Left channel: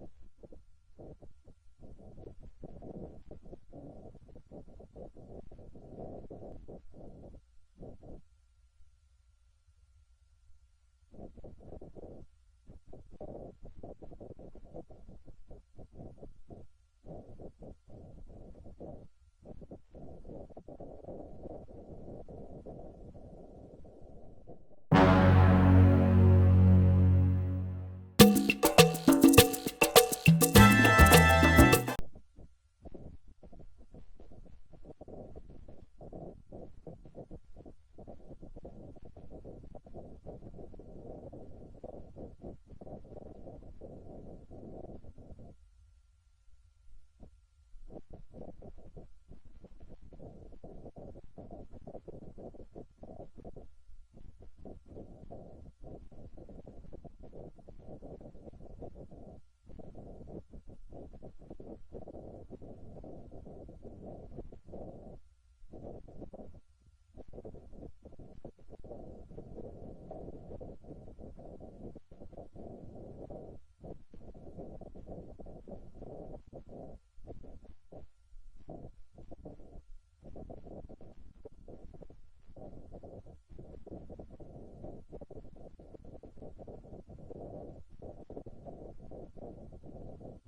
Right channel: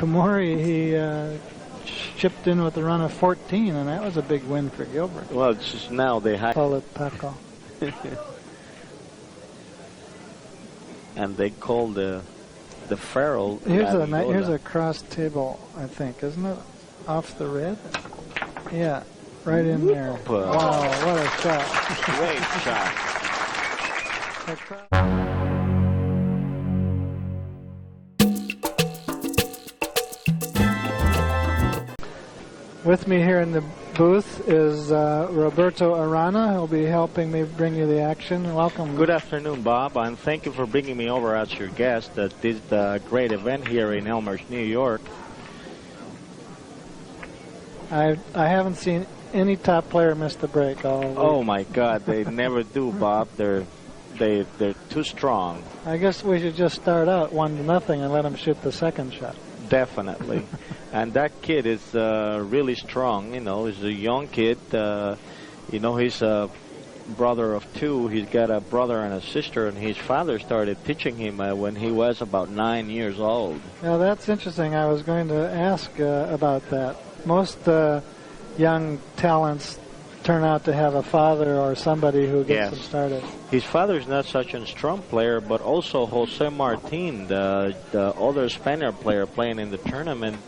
Komori, he chipped in with a run of 14, and that was a big win for Gilbert. Well, it's just now they have... Call it taco. And they call the ferrule... Here's a cross table, I think, isn't it? Off the red? Yeah, right in there. Wow, what a shot. Great shot. With me here in the booth is Roberto Arana. He'll be helping me bring you the action. Welcome. Good afternoon, Bob, and thank you for bringing me over as your guest at this great event here in Elmhurst, New York. I haven't seen any top player miss the break all week. Oh my God, they never do, Bob. They're too strong. I guess we should just start out 1-0 and let them shoot the second shot. Definitely. And that kid is really strong. You know, he's a young kid. You know, he's a brother of 2. He's got a brother and a sister, and his father started teaching him when he was about 9 years old. Now, that's interesting. I was going to ask about that. Most young talents turn out to have a father or somebody who gets them started. His father's not such a strong player, but also Jose Martin, the other Spaniard player playing in the tournament,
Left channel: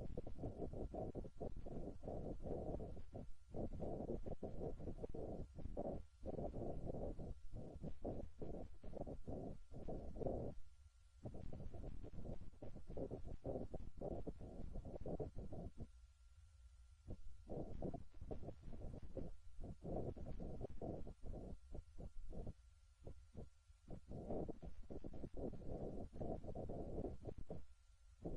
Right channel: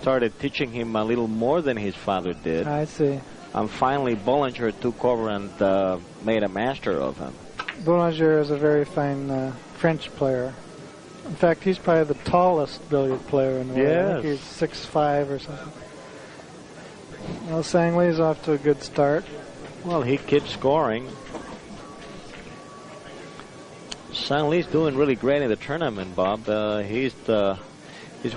started teaching him a little more than his father did. I see. And finally, Bollinger took over and made a master of him. Bollinger is a very fine French player. In fact, he's probably the tallest billiard player in the world. I think he's 6'5" or something. Well, Sang Lee's off to a good start. Well, he keeps scoring. Sang Lee's doing really great in the tournament, Bob. He's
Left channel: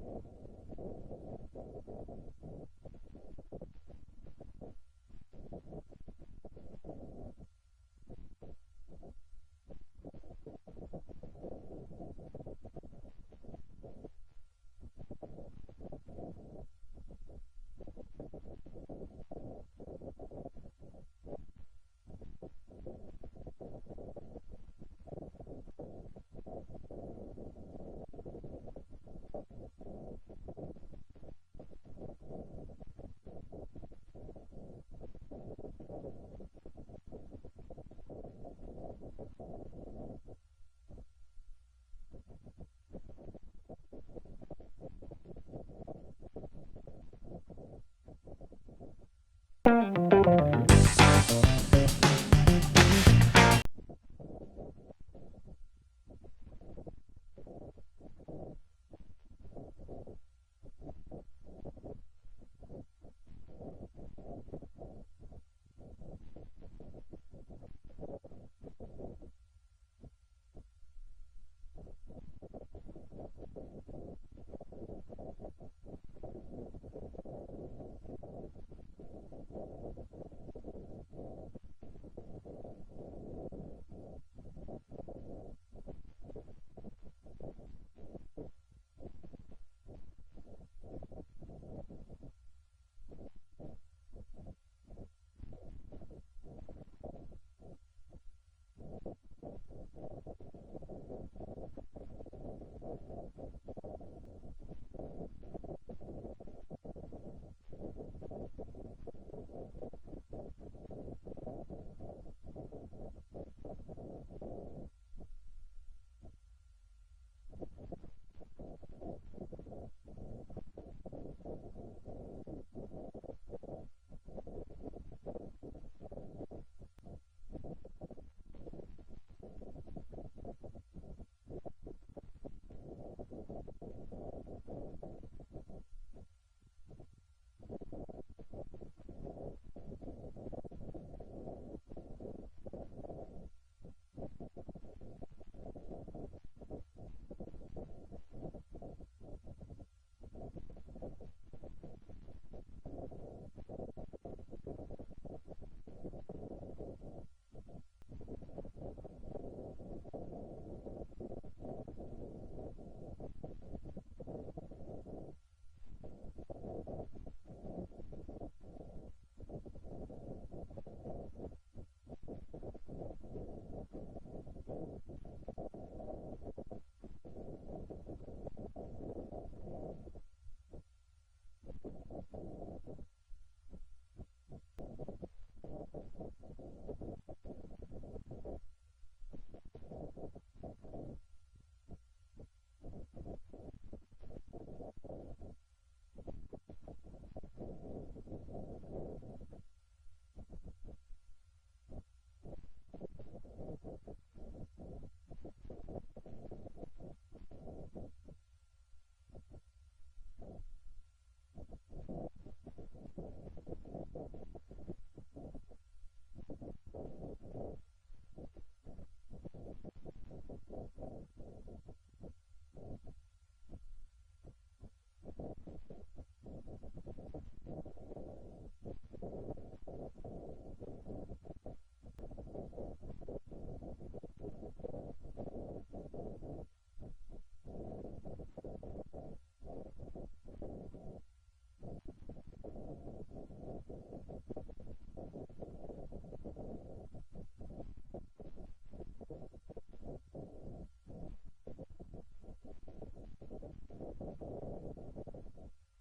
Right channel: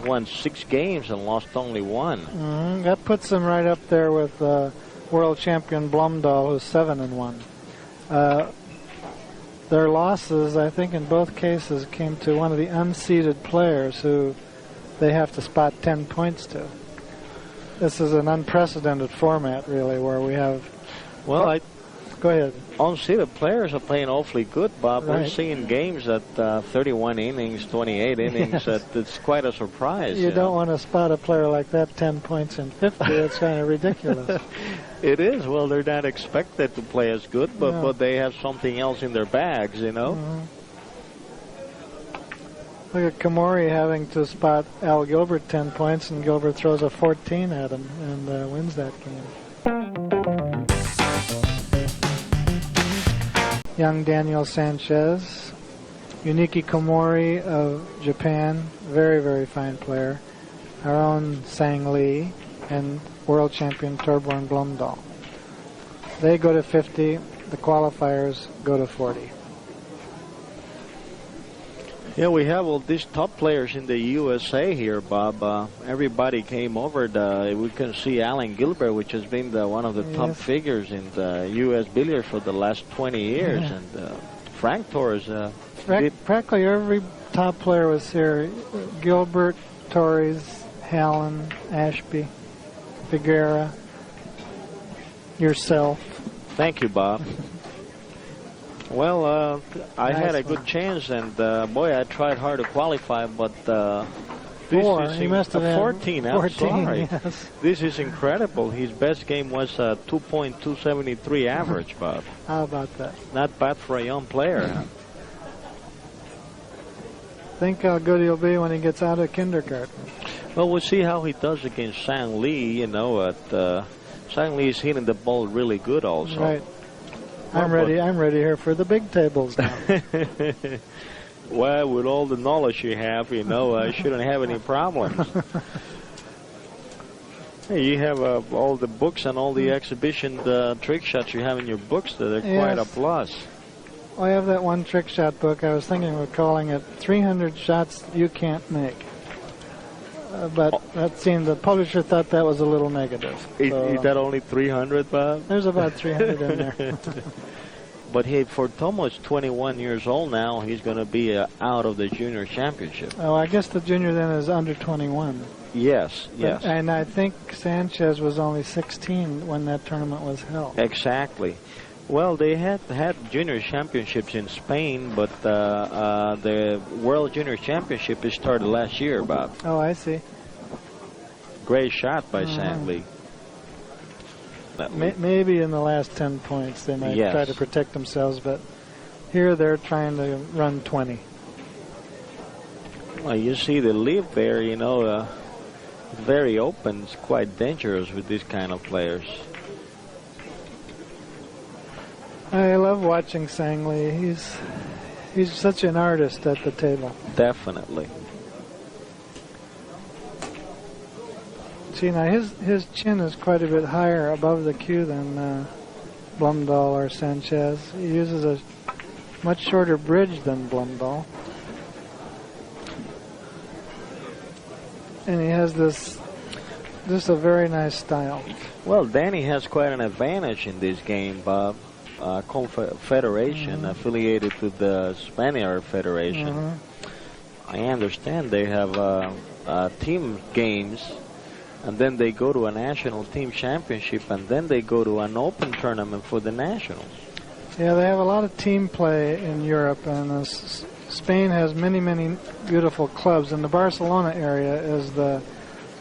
won 6 games and lost only 1. That puts him right up there with world champion Blumdahl, who's 7-1. Their losses, I think, in both cases, came to one of the unseeded players who they have to spot 10 points to. This is an unprecedented format, really, where we have... Well, go ahead. Unseeded players are playing awfully good, Bob. Right. We're seeing games at 31 innings, 28 innings. It's quite a surprise. You don't want to spot a player like that 10 points in 50. It's kind of ridiculous. It is. Well, they're not expected to play as good, but they have something else in their bags, you know. Look at Komori having to spot Al Gilbert 10 points, and Gilbert throws a 14 at him and wins that game. Young Daniel Sanchez. Yuniki Komori of Japan, very, very fine player. Our own Sang Lee and world champion Torbjorn Blomdahl. They go to 50. The qualifiers go to 40. Yeah, we have all these top players in the USA here, Bob. Everybody came over. We can see Alan Gilbert, which has been one of the top figures in the U.S. billiards for the last 20 years. And Frank Torres. Practically every top player was here. Gilbert, Torres, Hallen, Ashby, Figuera, yourself. Thank you, Bob. Well, I had a good chance, and boy, I tried hard to qualify, but he must have 14. I'm sorry. Yes. This is incredible. His best game was 2.273 average, Bob. How about that? Not bad for a young player. Think how good he'll be when he gets out of kindergarten. Well, we'll see how he does against Sang Lee. You know, Sang Lee is hitting the ball really good, also. Right. I'm ready here for the big tables now. Well, with all the knowledge you have, you know, I shouldn't have any problems. Hey, you have all the books and all the exhibition trick shots you have in your books. They're quite a plus. I have that one trick shot book. I was thinking of calling it 300 Shots You Can't Make. But that seemed, the publisher thought that was a little negative. Is that only 300, Bob? There's about 300 in there. But hey, for Tomo's 21 years old now, he's going to be out of the junior championship. Oh, I guess the junior then is under 21. Yes. And I think Sanchez was only 16 when that tournament was held. Exactly. Well, they had junior championships in Spain, but the World Junior Championship started last year, Bob. Oh, I see. Great shot by Sang Lee. Maybe in the last 10 points they might try to protect themselves, but here they're trying to run 20. Well, you see the lead there, you know, very open. It's quite dangerous with these kind of players. I love watching Sang Lee. He's such an artist at the table. Definitely. See, now his chin is quite a bit higher above the cue than Blumdahl or Sanchez. He uses a much shorter bridge than Blumdahl. And he has this a very nice style. Well, Danny has quite an advantage in this game, Bob. Confederation affiliated with the Spaniard Federation. I understand they have team games, and then they go to a national team championship, and then they go to an open tournament for the nationals. Yeah, they have a lot of team play in Europe, and Spain has many, many beautiful clubs, and the Barcelona area is the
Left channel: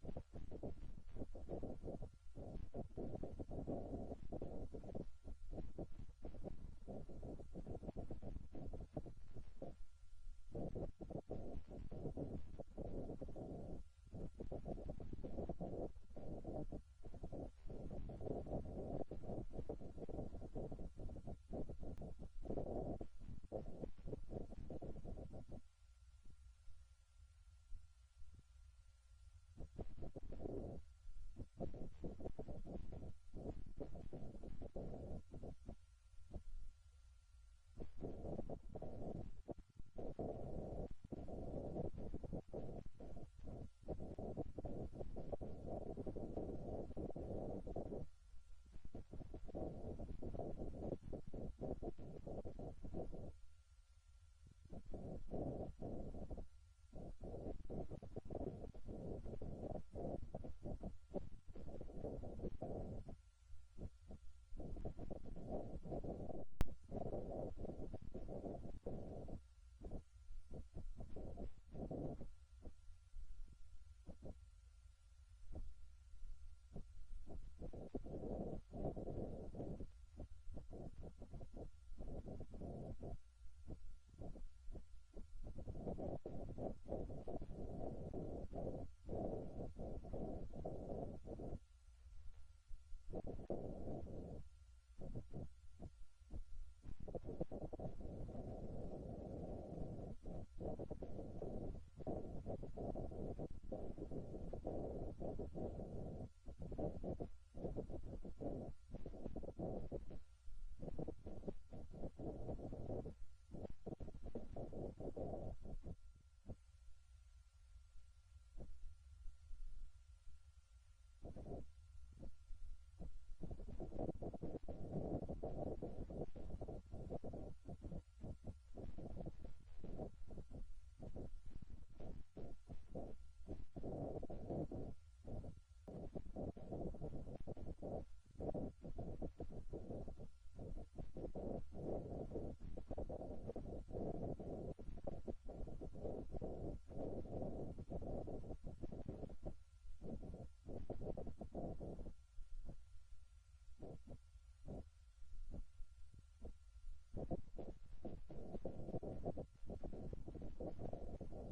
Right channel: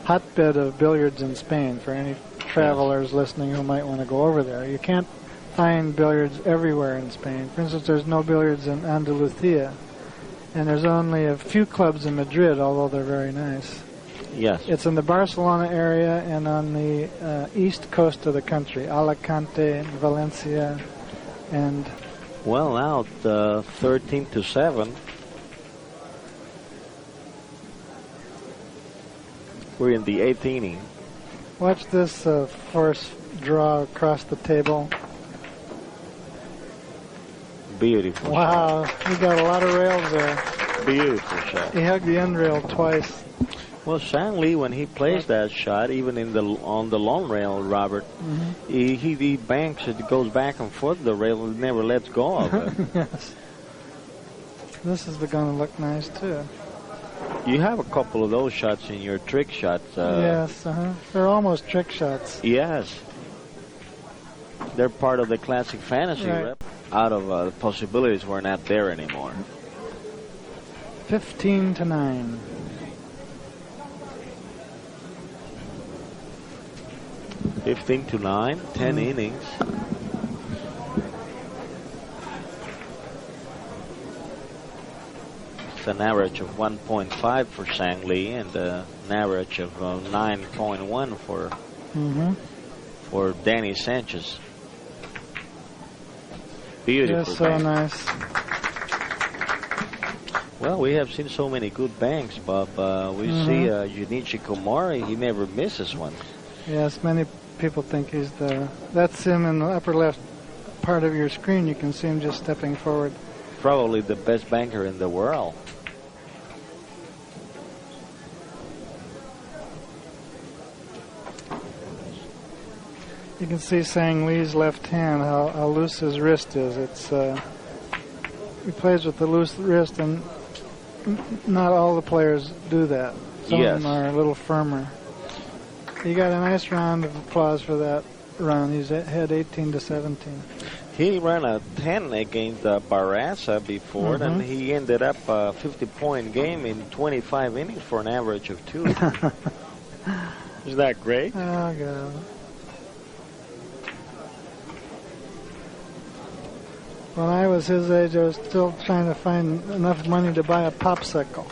hotbed of billiards in Spain for any travelers listening who might want to go over there. You can't find billiards everywhere in Spain. For instance, there's no billiards in Andalusia, and there's only a few clubs in Madrid, although they're very nice. Yes. It's in the Barcelona area and on the east coast of the country, Alicante, Valencia, and... Well, now 13-7. We're in the 8th inning. Watch this force draw across the table. Beautiful. Wow, he got a lot of rails there. Beautiful shot. He hugged the end rail twice. Well, Sang Lee, when he plays that shot, even on the long rail, Robert, he banks it, goes back and forth the rail, and never lets go of it. Yes. This is going to look nice too. You have a couple of those shots in your trick shots. Yes, they're almost trick shots. Yes. They're part of the classic fantasy rep. Out of the possibilities were not there anymore. 15-9. To 9, 10 innings. It's an average of 1.5 for Sang Lee and an average of 9.1 for Danny Sanchez. Beautiful. Yes, so nice. Well, we have seen so many good banks, Bob. We see Junichi Komori. He never misses one. Yes, many people think he's that's him in the upper left part of your screen. You can see him just stepping forward. Probably the best banker in the world. You can see Sang Lee's left hand, how loose his wrist is. He plays with the loose wrist, and not all the players do that. Some of them are a little firmer. He got a nice round of applause for that run. He's had 18-17. He ran a 10 against Barraza before, and he ended up a 50-point game in 25 innings for an average of 2. Is that great? Oh, God. When I was his age, I was still trying to find enough money to buy a popsicle.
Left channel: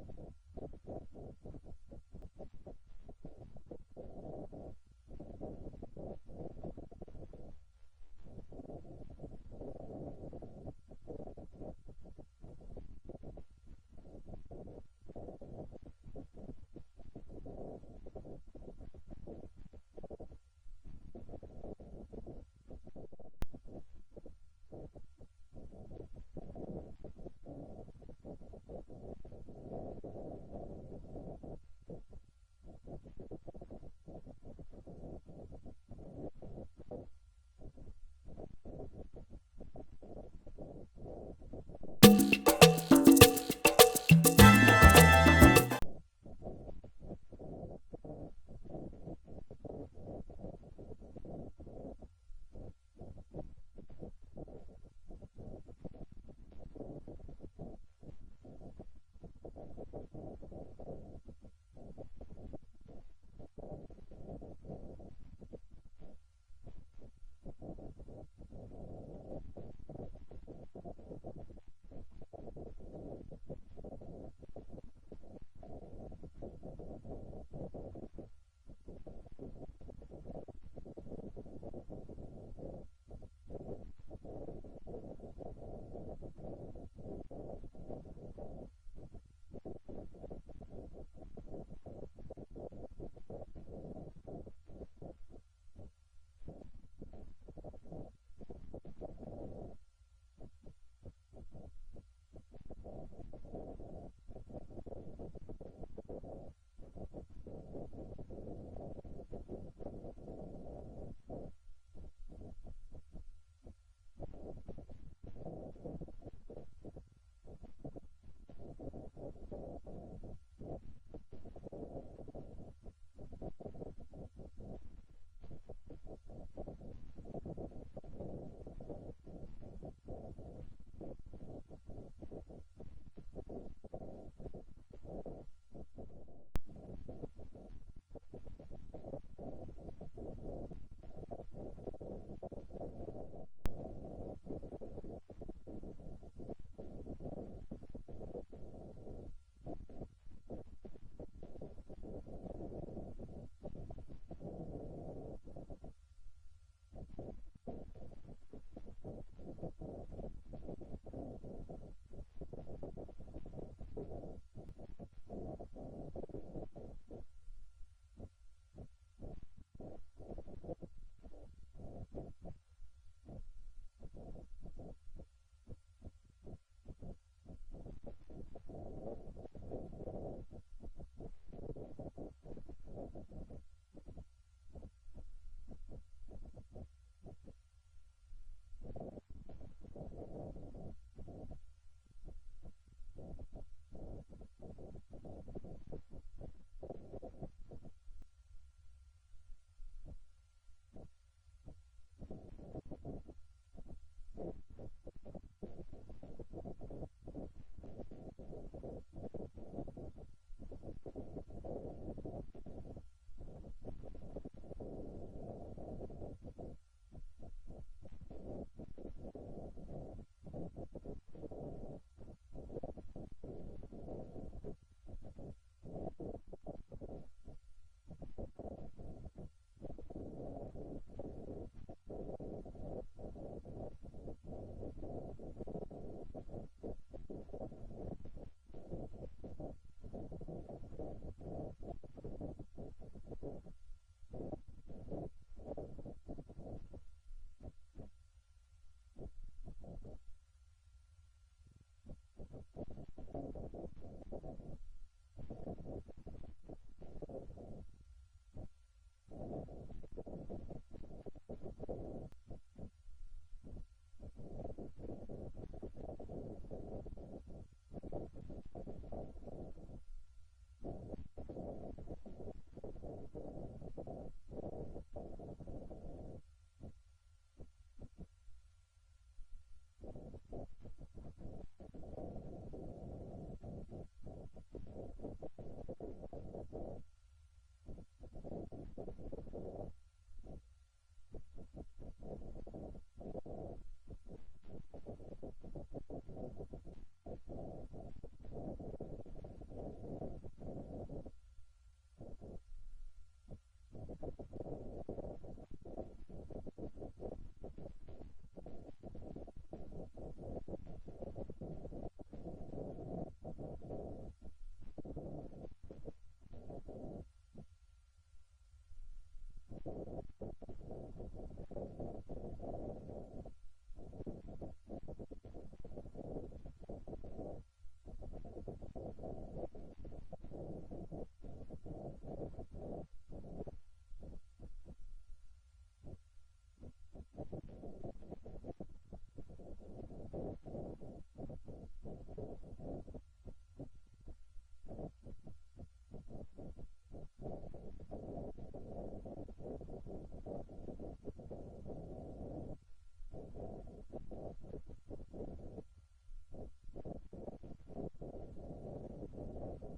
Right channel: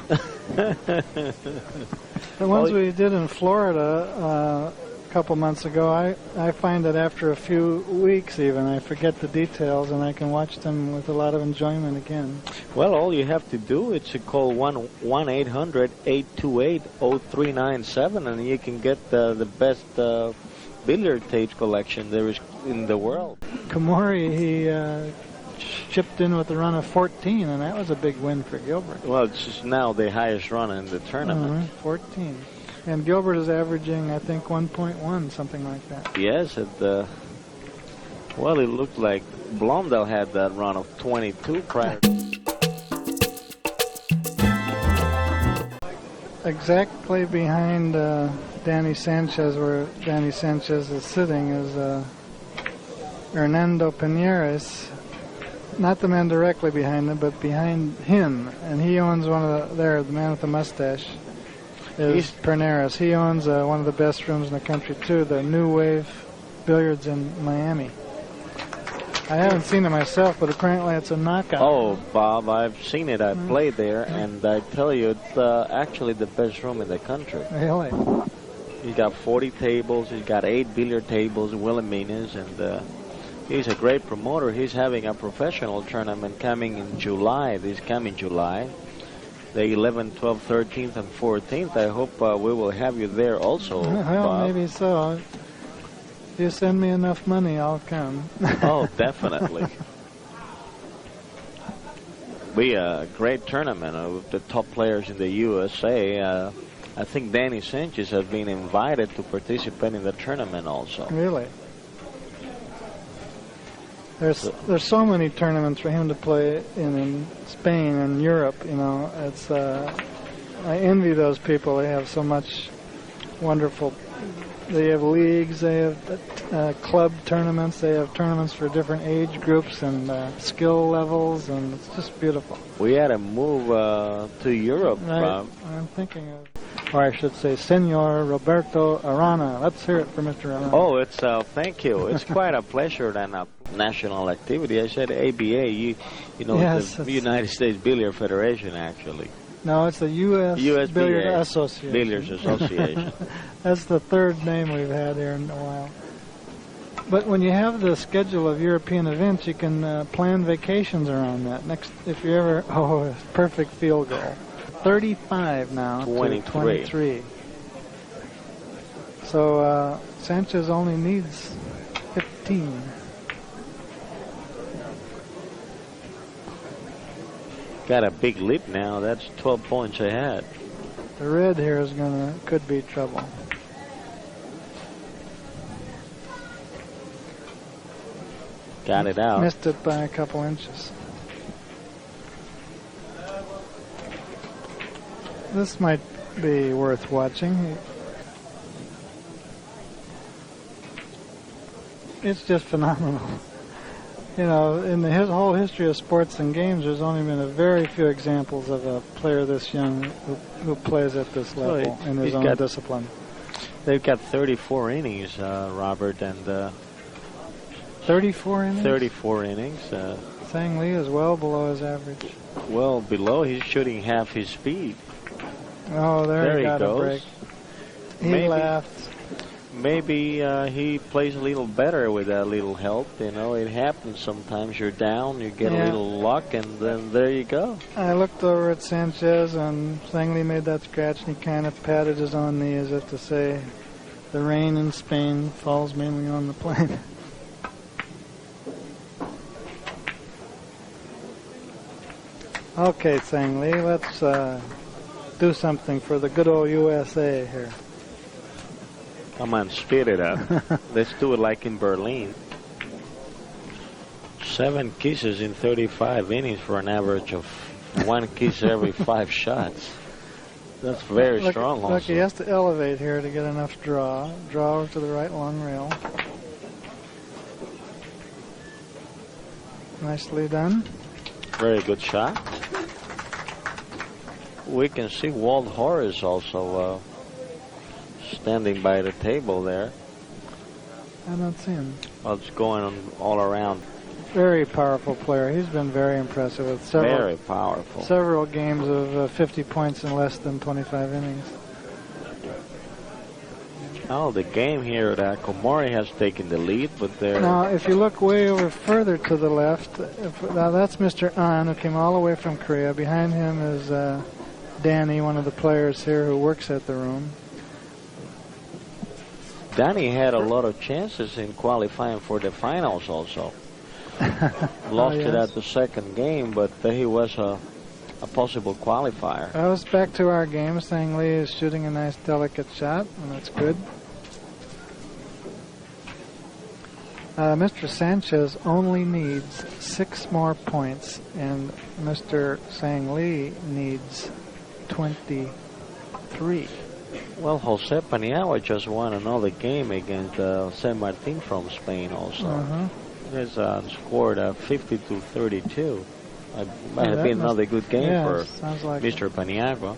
The ones we did in Florida a couple months ago, I find that after a few weeks even, I forget the details and I can watch them with a lot of enjoyment again. Well, all you have to do is to call 1-800-828-0397 and you can get the best billiard tapes collection there is in the world. Komori, he chipped in with a run of 14, and that was a big win for Gilbert. Well, it's just now the highest run in the tournament. 14. And Gilbert is averaging, I think, 1.1, something like that. Yes, well, it looked like Blomdahl had that run of 22 prior. Exactly behind Danny Sanchez, where Danny Sanchez is sitting, is Hernando Piñeres, not the man directly behind him, but behind him, and he owns one of the man with the mustache is Piñeres. He owns one of the best rooms in the country too, the New Wave Billiards in Miami. I haven't seen it myself, but apparently it's a knockout. Oh, Bob, I've seen it. I played there, and I tell you, it's actually the best room in the country. Really? He's got 40 tables. He's got 8 billiard tables, Wilhelmina's, and he's a great promoter. He's having a professional tournament coming in July, this coming July, the 11th, 12th, 13th, and 14th. I hope we will have you there also, Well, Bob. maybe so. If you send me enough money, I'll come. Oh, definitely. Be a great tournament with the top players in the USA. I think Danny Sanchez has been invited to participate in the tournament also. Really? There's so many tournaments for him to play in Spain and Europe. You know, it's I envy those people. They have so much wonderful. They have leagues. They have club tournaments. They have tournaments for different age groups and skill levels, and it's just beautiful. We had to move to Europe. I'm thinking of, or I should say, Senor Roberto Arana. Let's hear it for Mr. Arana. Oh, it's thank you. It's quite a pleasure and a national activity. I said ABA. You know, yes, the United States Billiard Federation, actually. No, it's the U.S. Billiard USBA, Association. Billiards Association. That's the third name we've had here in a while. But when you have the schedule of European events, you can plan vacations around that. Next, if you ever, perfect field goal. 35 now 23. to 23. So Sanchez only needs 15. Got a big lead now. That's 12 points ahead. The red here could be trouble. Got it out. Missed it by a couple inches. This might be worth watching. It's just phenomenal. You know, in the whole history of sports and games, there's only been a very few examples of a player this young who plays at this level in his own discipline. They've got 34 innings, Robert, and 34 innings? 34 innings. Sang Lee is well below his average. Well below. He's shooting half his speed. Oh, there he got goes. a break. He laughed. Maybe he plays a little better with a little help. You know, it happens sometimes. You're down, you get a little luck, and then there you go. I looked over at Sanchez, and Sang Lee made that scratch, and he kind of patted his own knee as if to say, the rain in Spain falls mainly on the plane. Okay, Sang Lee, let's do something for the good old USA here. Come on, speed it up. Let's do it like in Berlin. 7 kisses in 35 innings for an average of 1 kiss every 5 shots. That's very strong also. Look, he has to elevate here to get enough draw. Draw over to the right long rail. Nicely done. Very good shot. We can see Walt Horace also standing by the table there. I don't see him. Well, it's going on all around. Very powerful player. He's been very impressive with several games of 50 points in less than 25 innings. Oh, the game here at Komori has taken the lead, but there. Now, if you look way over further to the left, now that's Mr. An, who came all the way from Korea. Behind him is Danny, one of the players here who works at the room. Danny had a lot of chances in qualifying for the finals also. Lost it at the second game, but he was a possible qualifier. Well, it's back to our game. Sang Lee is shooting a nice, delicate shot, and that's good. Mr. Sanchez only needs 6 more points, and Mr. Sang Lee needs 23. Well, Jose Paniagua just won another game against San Martin from Spain also. has scored 50-32. Might have been another good game for like Mr. Paniagua.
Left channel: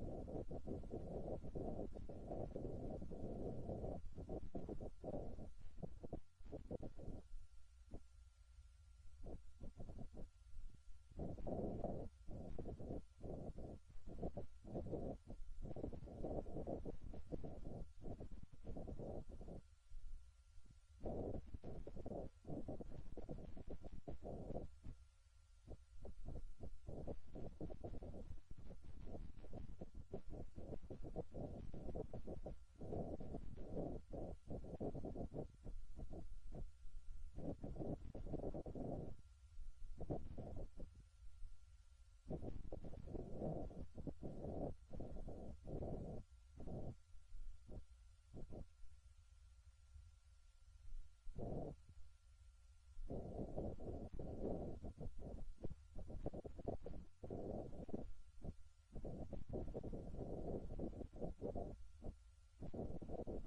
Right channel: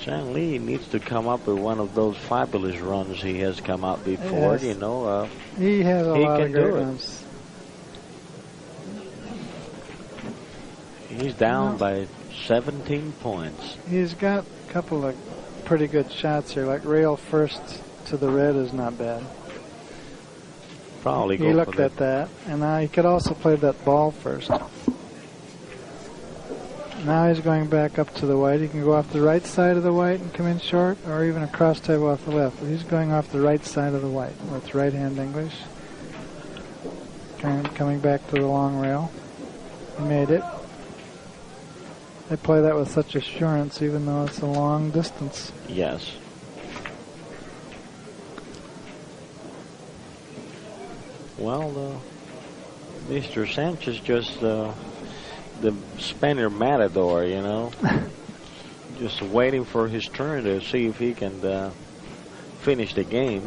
Chang Lee needs to come up with one of those fabulous runs he has come out before. Yes. You know, he has a lot of great do runs. He's down by 17 points. He's got a couple of pretty good shots here, like rail first to the red is not bad. Probably he looked at that, and now he could also play that ball first. Now he's going back up to the white. He can go off the right side of the white and come in short, or even a cross table off the left. But he's going off the right side of the white with right-hand English. Coming back to the long rail. He made it. They play that with such assurance, even though it's a long distance. Yes. Well, Mr. Sanchez just the Spaniard matador, you know, just waiting for his turn to see if he can finish the game.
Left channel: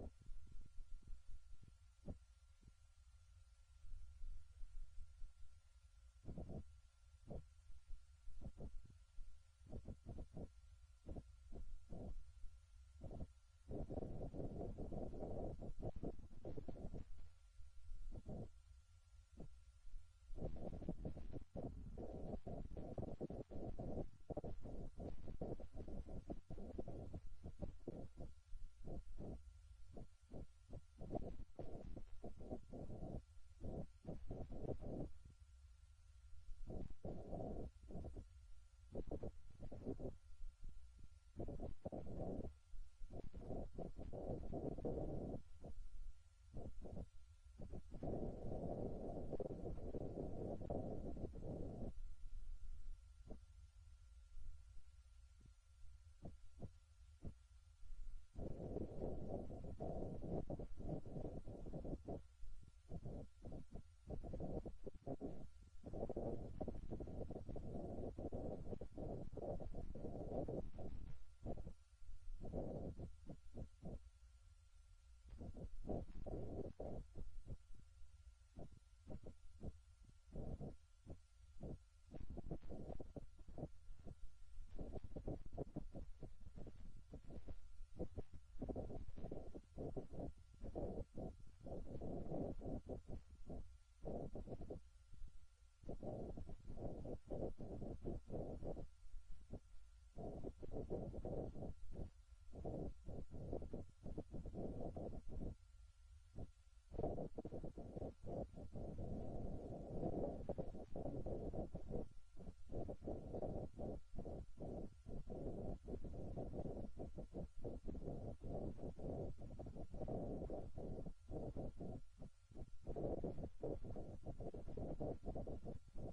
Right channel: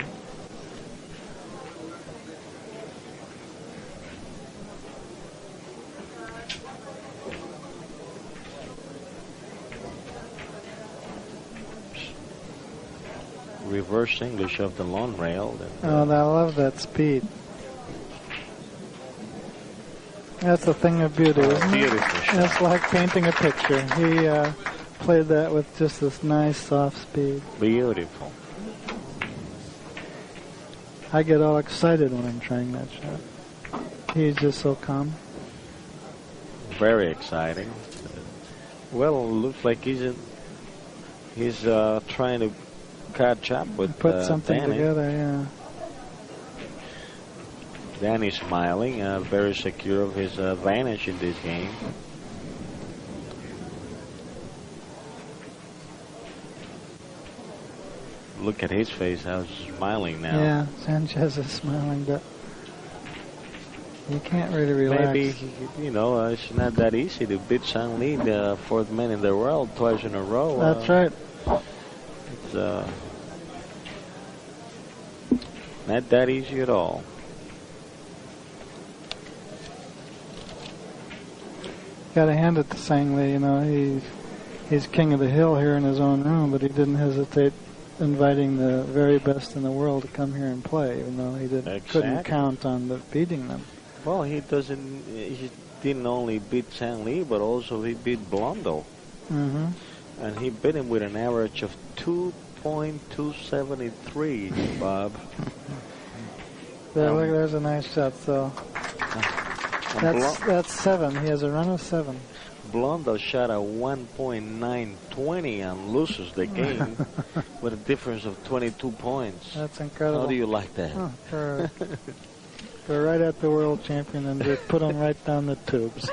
Reverse English of the long rail. Oh, I love that speed. That's a thing of beauty, isn't it? Beautiful. It's like painting a picture. He played that with just this nice, soft speed. Beautiful. I get all excited when I'm trying that shot. He's just so calm. Very exciting. Well, looks like he's trying to catch up with put something Danny. together, yeah. Danny's smiling, very secure of his advantage in this game. Look at his face, how he's smiling now. Yeah, Sanchez is smiling, but he can't really relax. Maybe, you know, it's not that easy to beat Sang Lee, the fourth man in the world, twice in a row. That's right. It's not that easy at all. Gotta hand it to Sang Lee, you know, he's king of the hill here in his own room, but he didn't hesitate inviting the very best in the world to come here and play, even though he couldn't count on beating them. Well, he didn't only beat Sang Lee, but also he beat Blondo. Mm-hmm. And he beat him with an average of 2.273, Bob. There, look, there's a nice shot, so that's 7. He has a run of 7. Blondo shot a 1.920 and loses the game with a difference of 22 points. That's incredible. How do you like that? Oh, they're right at the world champion and they put him right down the tubes.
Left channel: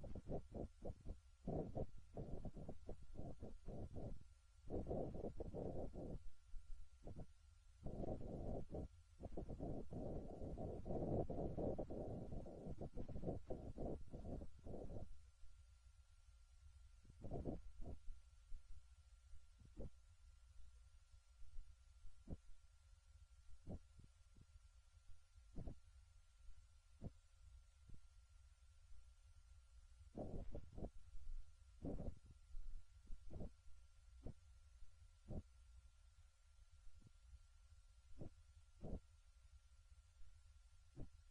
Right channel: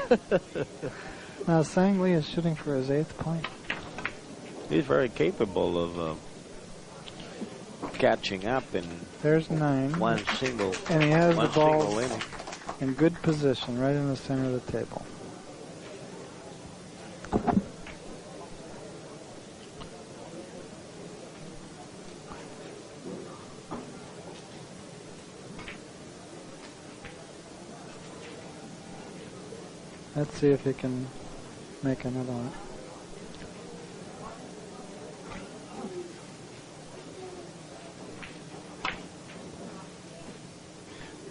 Now Sang Lee is shooting for his 8th point. He's very capable of catching up in there's 9. One single. And he has the ball inning. In good position, right in the center of the table. Let's see if he can make another one.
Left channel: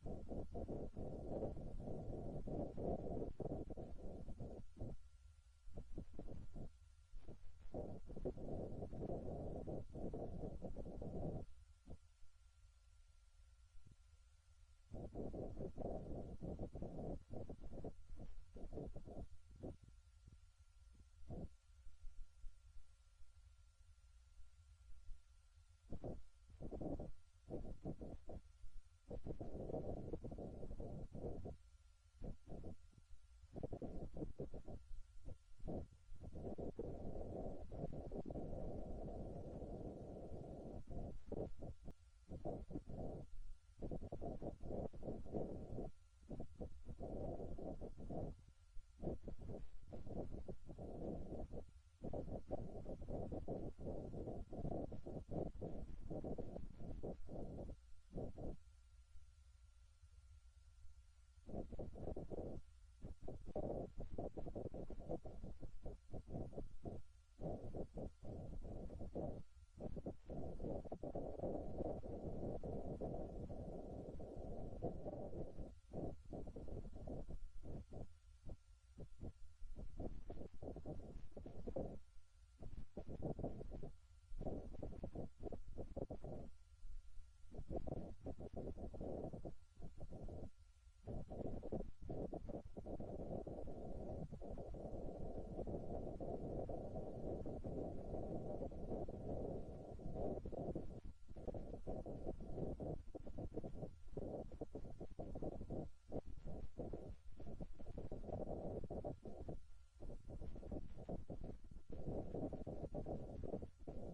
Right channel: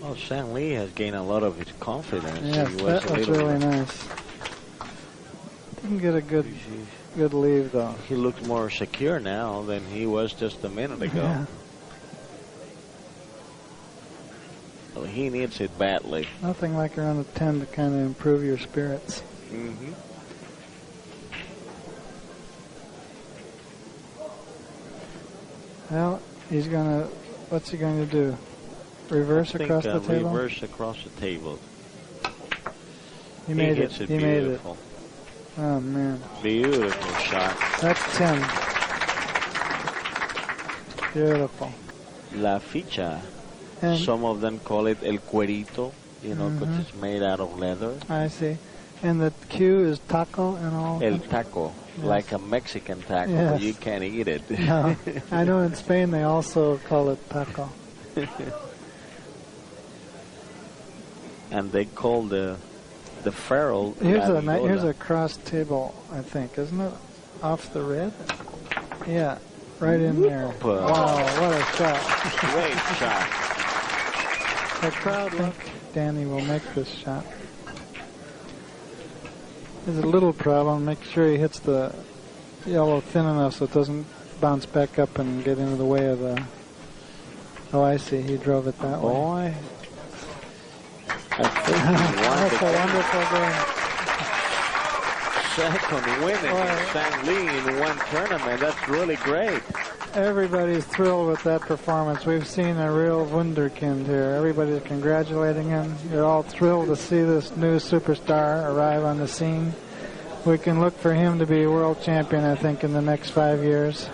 Well, Sang Lee has gained a lot of his confidence. Yes, that was really nice. Didn't get a good leave, though. He looks more secure now than he was just a minute ago. Yeah. Well, he needs it badly. Nothing like around a 10 to kind of improve your spirits. Mm-hmm. Well, what's he going to do? Reverse across the table? Reverse across the table. He made it. He made it. Oh, man. Beautiful shot. That's 10. Beautiful. La ficha. And some of them call it el cuerito, you know, because it's made out of leather. I see. And the Q is taco and all? El taco. like a Mexican taco, Yes. but you can't eat it. No. I know in Spain they also call it taco. And they call the feral. Here's a cross table, I think, isn't it? Off the red? Yeah, right in there. Wow, what a shot. Great shot. The crowd think Danny will make this shot. There's a little problem. Make sure he hits the yellow thin enough so it doesn't bounce back up and get into the way of the... Oh, I see. He drove it that way. Boy. I think he won That's a wonderful game. second win against Sang Lee in one tournament. That's really great. Everybody's thrilled with that performance. We've seen a real wunderkind here. Everybody's congratulating him. You're all thrilled to see this new superstar arrive on the scene. We can look for him to be world champion, I think, in the next 5 years.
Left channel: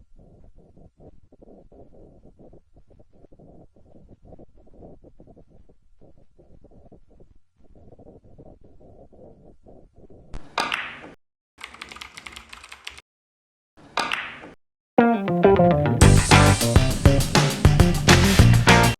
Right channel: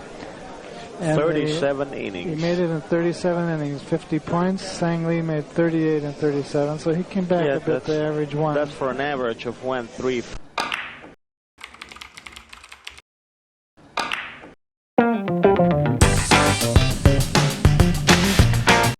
And 37 innings. He made it in 37 innings, 50 points. Sang Lee made 38 and 37, so he came back a bit to average one. That's for an average of 1.35.